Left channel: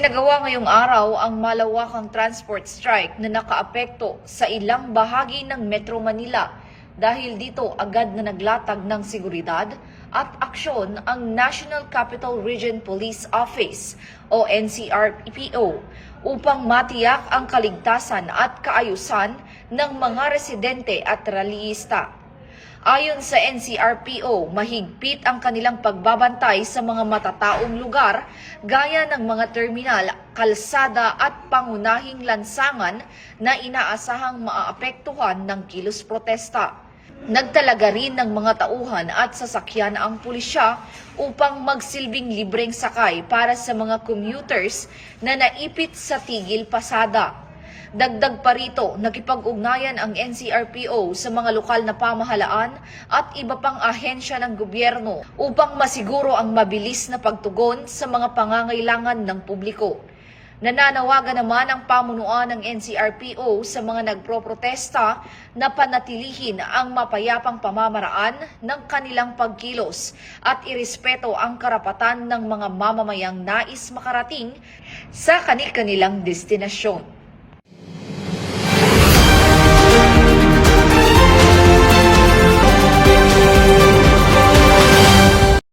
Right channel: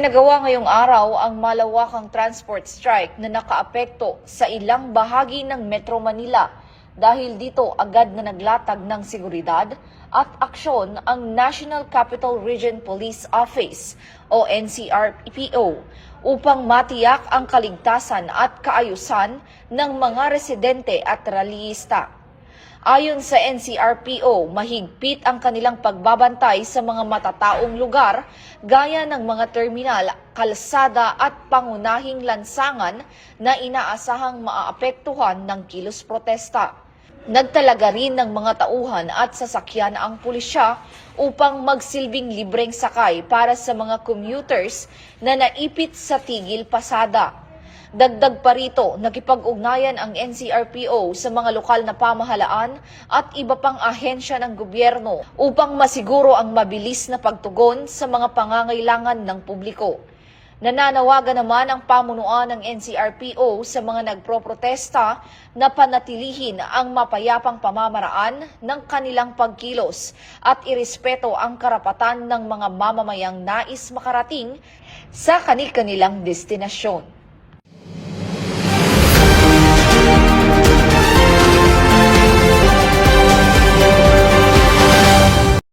Isinagawa ngayong araw ang malawakang transport strike na nakaapekto sa ilang bahagi ng Metro Manila. Dahil dito agad na naglatag ng seguridad at aksyon ang National Capital Region Police Office o NCRPO upang matiyak ang kaligtasan at kaayusan ng mga residente at rallyista. Ayon sa NCRPO, mahigpit ang kanilang pagbabantay sa mga matataong lugar gaya ng mga terminal, kalsada at pangunahing lansangan na inaasahang maaapektuhan ng kilos protesta. Nagtalaga rin ng mga tauhan at sasakyan ang pulisya upang magsilbing libreng sakay para sa mga commuters na naipit sa tigil pasada. Dagdag pa rito, nakipag-ugnayan ang NCRPO sa mga lokal na pamahalaan at iba pang ahensya ng gobyerno upang masiguro ang mabilis na pagtugon sa mga pangangailangan ng publiko. Nananawagan naman ang pamunuan ng NCRPO sa mga nagproprotesta na panatilihin ang mapayapang pamamaraan ng kanilang pagkilos at irespeto ang karapatan ng mga mamamayang nais makarating sa kanilang destinasyon.